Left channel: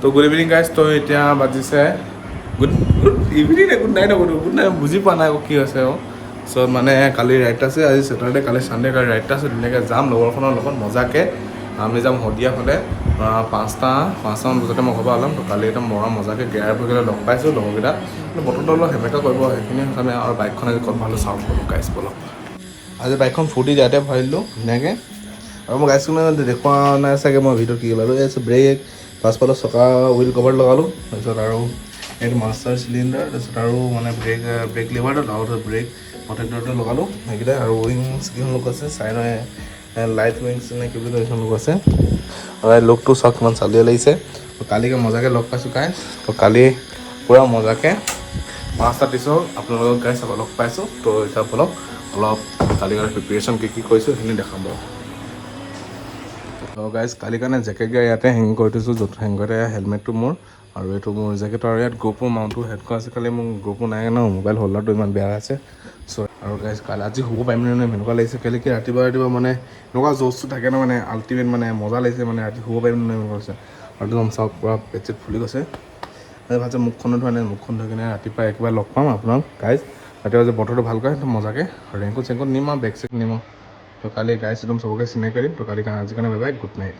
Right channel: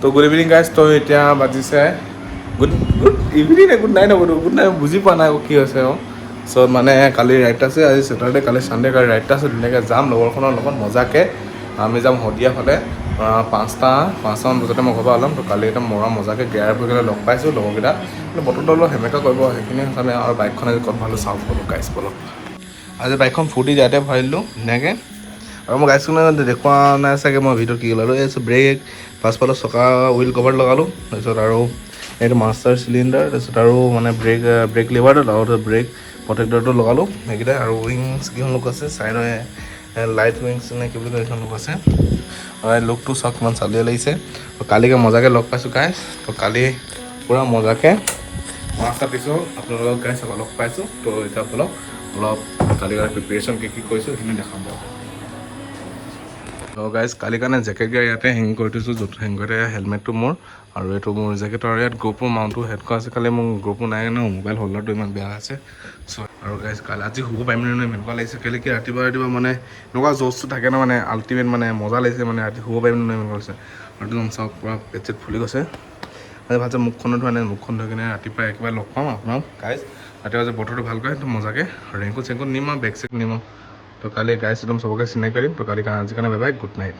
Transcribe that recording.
তো good evening guys. তো এতিয়া বাজিছে গুড গুড ইভিনিং নে গুড নাইট নকৰোঁ, গুড নাইট বুজি পোৱা নাই কি হৈছে আৰু। চ' মানে কালি ৰাইড আছে, আজি ছেটাৰডে, কালি ছানডে, কালি ৰাইড আছে। ধুনীয়াকৈ যাম লগৰখনৰ লগত মজাকৈ। আমি যাম শদিয়া ফালে 5টামান বজাতে মই ঘৰৰ পৰা ওলাম। তো কালি একদম মৰা মজাকৈ গেয়াৰ কৰি পেলাই লগ পাইছোঁ লগৰকেইটা। কিন্তু বতৰটো অলপ সেমেকা কৰিব সেইখিনি কাৰণে। আৰু বাইকখন আজি ক'ত ভালো চাওঁ ব'লো গাইজ ব'লক। আজি বাইকখন ফূৰ্তি ইয়াতে ভৰাই দিলোঁ ধুনীয়াকৈ। আৰু মই গাইজখনে দেখুওৱা নাই চাগে মই ভিডিঅ'ত কি ওলালোঁ। এই ব্ৰেক, পাছফালৰ চকা হুইল কভাৰ লগালোঁ। তাৰপিছত আৰু এইটো মাষ্টাৰ চিলিণ্ডাৰ, তাৰপিছত আৰু মানে ব্ৰেক লিভাৰটো লগতে ব্ৰেক প্ৰটেক্টৰটো লগালোঁ সেইকেইটা। আৰু উইংছ কেইখন লোক আছে চাইডৰ লাইট উইংছ নে কি বুলি কয় এইখন লোক আছে। আৰু এই লুকটো চাওক কিমান চালিয়া লাগিছে। তো কালিকৈ মজাকৈ লগ পাইছোঁ গাইজ। তো কালি পূৰা মজাকৈ 5টা পিছত আপোনালোকক গাইজ লগ পাইছোঁ। তো এতিয়া আপোনালোক অলপ কালি কাৰণে প্ৰিপেৰেশ্যন কি কৰিছোঁ সেইখিনি দেখাম বাৰু। তো গাইজ কালিৰ কাৰণে জেকেট গিয়া ইয়াতে হেং কৰি থৈছোঁ, য'ত হেং কৰি থাকে হেলমেটটো মোৰ। আৰু এইটো মোৰ জেকেটৰ ইয়াত গ্ৰুপো মাউণ্টটো হেড কৰা আছে। কালি মোৰ গ্ৰুপো নাই ন, মোবাইল হোল্ডাৰটো ইমান বেয়া আছে। চ' আৰু গাইজ কালি আজি শুব পাৰিম নে এনেকুৱা লাগিছে। কালি কি ৰাতিপুৱা মানে এনেকুৱা জ'চটো থাকে ন, মানে আল্টিমেট মানে মজা লাগিছে মানে ৰাতি শুব পাৰিম নে এনেকুৱা লাগিছে। আৰু একদম চাওক পূৰা পেট চেট ফুলি গৈছে। আজি ভালছে মুখখনো ধোৱা নাই, মুখখন ধুই কিনে ৰাতিপুৱা একেবাৰে লগ পাম আপোনাক গাইজ। ৰাতিপুৱা যে বতৰটো ভাল কৰে একদম মজাকৈ ৰেংকোট চেংকোট নিম আৰু বেগ চেগ নিম আৰু। তো কালি গাইজ একদম চবকে চিনাকি কৰিম। তো কালি কাৰণে আজিৰ কাৰণে বাই বাই, গুড নাইট।